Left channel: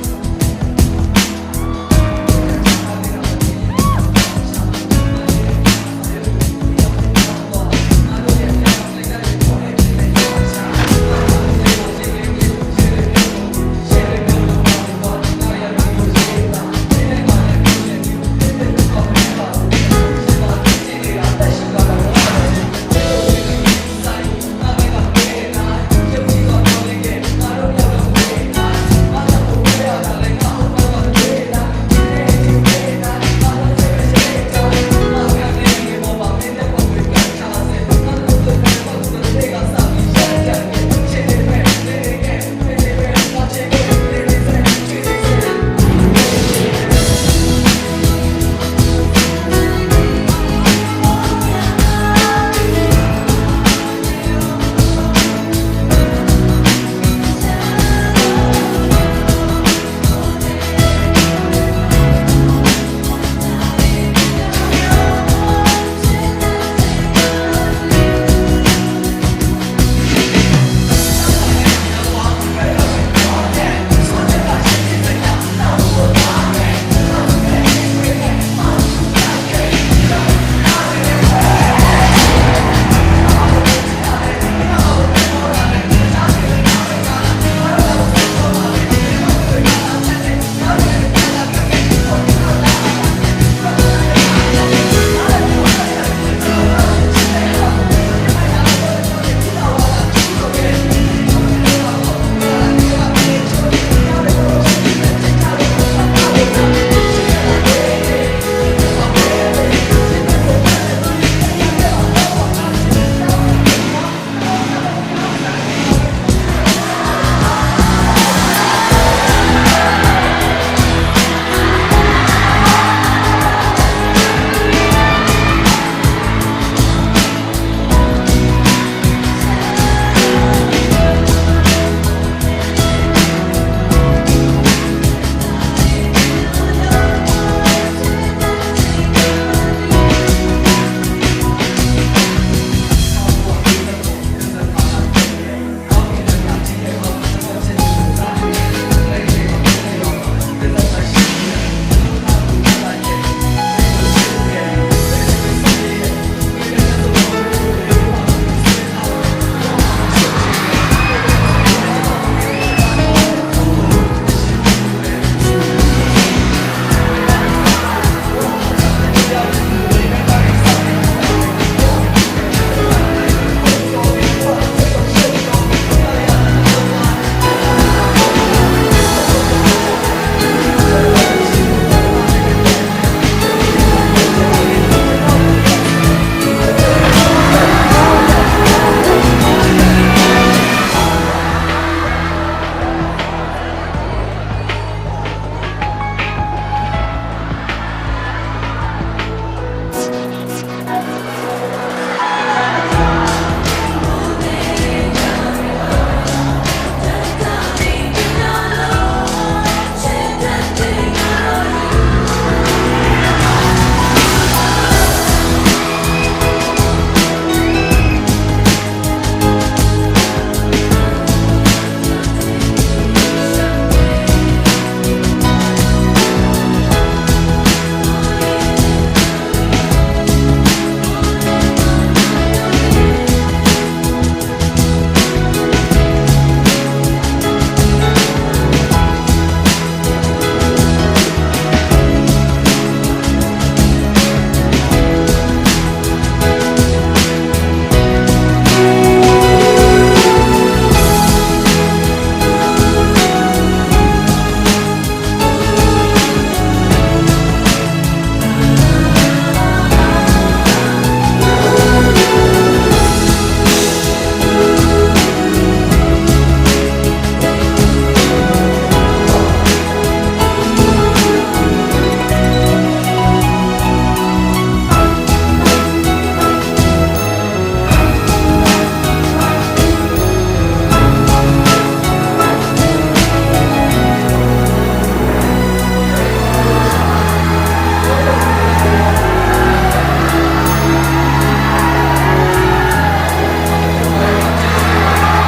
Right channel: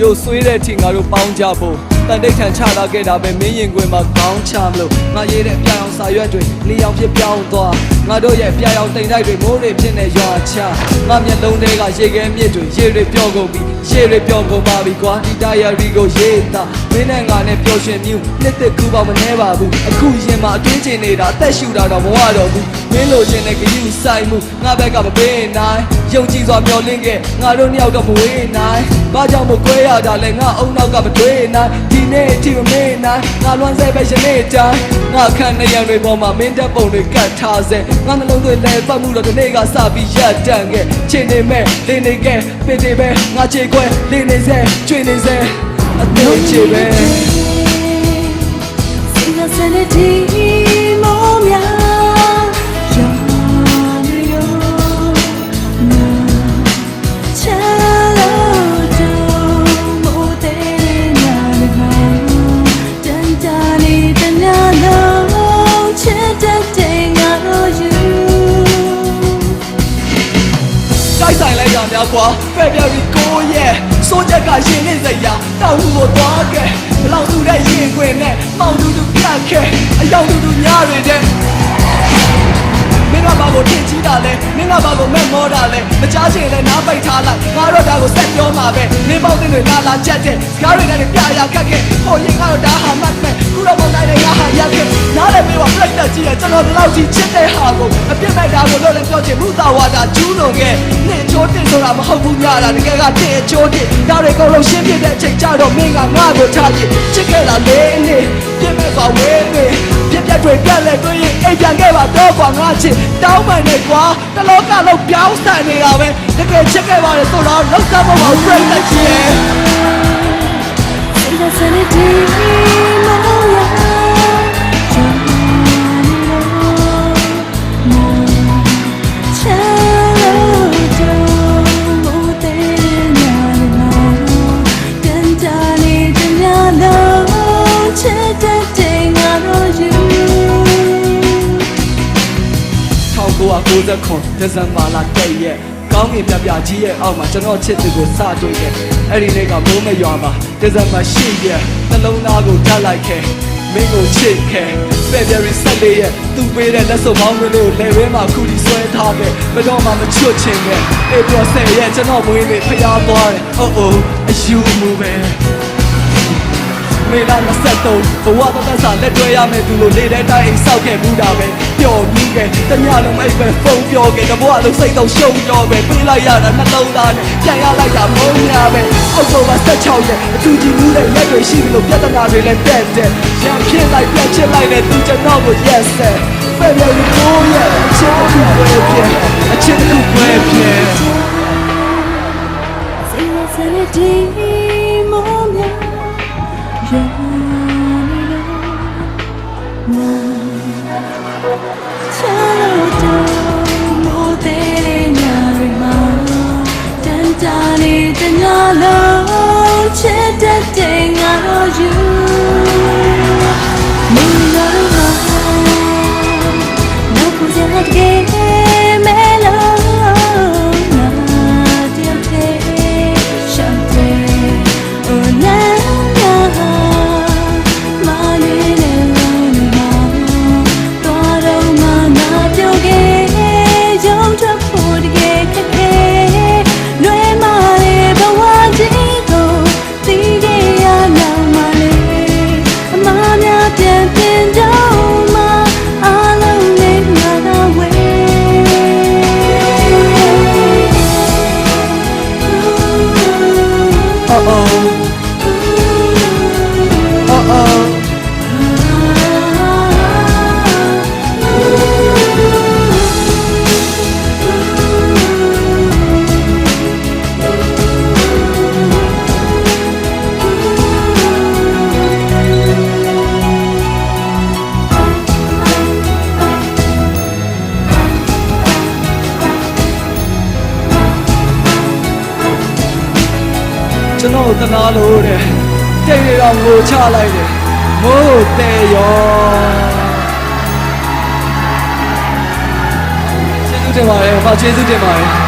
ရုပ်ဆွေးတဲ့ထင်ငါတို့ပေါင်းကြဖို့တန်တိတ်ခံချလာခဲ့တာပဲမင်းရင်ခွင်မှာကောင်းချမလို့ငါရေးတဲ့ပြောင်းစာရွက်တွေလျောင်ဖြစ်ပြောင်းသွားငါတို့ရဲ့ပြောင်းတိမ်တိုက်တွေမိုးတွေဖြစ်နေရွာချငါမျက်လုံးတွေကရေခဲမြစ်တွေရေတွေပြောင်းကုန်ပြီရေတွေပြောင်းကုန်ပါပြီကွာဒီတာယာရီကိုရေးတာမင်းနဲ့ငါနဲ့ပျော်ရွှင်မြူတစ်တစ်ကူပါမနေပါဘူးအခုရင်မှာအတွင်းကျင်နေတာအသက်ရှူတာတော့မဝတော့ဘူးမင်းလိုချင်တဲ့ဂရုစိုက်မှုငါဘက်ကမပေးနိုင်ယုံကြည်စွာမျှော်လင့်ခဲ့ငါတို့နှစ်ယောက်တော့မဝေးနိုင်ဘာကြောင့်မကွဲရတာလဲငါအုံနောက်ကမတွေ့နိုင်ဒီနေ့အထိမမေ့နိုင်ငါလွန်ဆဲပဲရှင်နေတိုင်းငါခံနေရတွေပေါ်မှာမင်းတဲ့ပုံတွေကတ်ထားစေငါနှလုံးသွင်းတဲ့ပတ်မှုလို့ဒီနေ့ကစပြီးရတန်ခဲ့ချိန်နေမဲ့နေနေခဲ့ပင်နေပဲငါချေခွဲနေနေစေချွေနေစေအမျိုးချေပဲပဲပြပြီးကိုရဲ့စိုးချက်ကရှင်နေစရာတောက်လို့တော့ကဲလောင်သူရဲ့ရင်ခွင်နဲ့မောင်သူပြတ်ခဲ့အရောက်သူများတွေနဲ့မင်းကဘာလို့ဖြစ်ကြည့်တာလဲမင်းကဘာလို့မဲ့မောတာလဲမချားချင်လဲနားပိတ်ထားလိုက်ငါတို့ဒါကိုစက်ပြောမှာပဲမင်းပေါင်းတွေလာလာချက်တဲ့ငါတွေနဲ့ပြရကတ်ခဲ့ဟိုရင်ကတော့ဒါဟာမှတ်မယ်ခုတော့မနိုင်တဲ့ဟာရက်ခဲ့နားလည်းပြီးတော့ပြတ်တက်ကြည့်တယ်ကျွန်တော်တို့ချစ်တဲ့ဟာကိုအပြစ်မဲ့တာကိုတော့လည်းပြောချင်မှုသာဝါတာကျူးလို့ခဲ့ချိုးတင်ဆိုတာမဟုတ်ဘူးကြတာတကယ်ကတင်ချိုးတင်ရတဲ့ကောလုံးရှင်းပြတဲ့အချိန်ကြတော့မင်းကငါ့ကိုထားတယ်ချစ်ခဲ့တာလေနေပြည့်ပြည့်ပါဝဲနေပြည့်ပြည့်တွေပြက်လက်တွေအိမ်ပြန်ခဲ့ပါတော့ကွာငါချစ်တောင်းမှန်နေကွာတလောကလုံးပြောင်းဆိုင်နေရပဲတကယ်ချစ်ခဲ့ပါလေဆိုတော့လောက်စားဖို့မဟုတ်ဘူးလက်ချင်ဒဇန်ပါလာတဲ့ရဲ့ကောင်းကင်ပြပြကြီးရဲ့အောက်မှာကျွန်တော်ချစ်သူကိုစတွေ့တယ်အဲ့ဒီနေ့ကမိုးမရွာမှာဒဇန်မရှိရဲ့နှလုံးသားကိုထပ်လိုက်ခဲ့မင်းကိုချစ်ခဲ့ဖက်ဒရီဆန်ဒေးရဲ့သူ့ပေးတဲ့လက်စုပ်ပေါင်းလို့လေဝဲမှာခုဆွဲထားတယ်ဘယ်တော့မှမချွတ်ချင်နဲ့အေးပြောဆက်ရဲ့ကျွန်တော်မွေးနေဖျားသွားတယ်အိုးအိုးအယူမှုပဲဝေလာဆက်တော့ဘဝကစားလက်တွေ့ရမယ်သူလိုလေတဲ့တိုင်းစောက်ခဲ့မှုတာပဲပျော်ပြီးခဲ့တမရလည်းပဲဖုန်းပြောခဲ့တော့ဘဝလုံးစိတ်တော့ရှုံတော့ပဲပြီးလိုက်ရတာနှလုံးသားနဲ့ပြန်ရလိုက်တာပုံရပဲအဆိုးက16ရဲ့အတူတူလေးလက်တွေရှိလို့ပြဿနာတွေလည်းတက်တယ်ချစ်ဖြစ်လိုက်ပြချစ်လိုက်တဲ့သူကျွန်တော်ကို yes ပဲဘယ်လိုလုပ်ရလဲချစ်သူပဲချစ်သူပဲချလိုက်တယ်ဟိုးတဲ့ရောကျေးဇူးတင်ပါတယ်ကျေးဇူးတင်ပါတယ်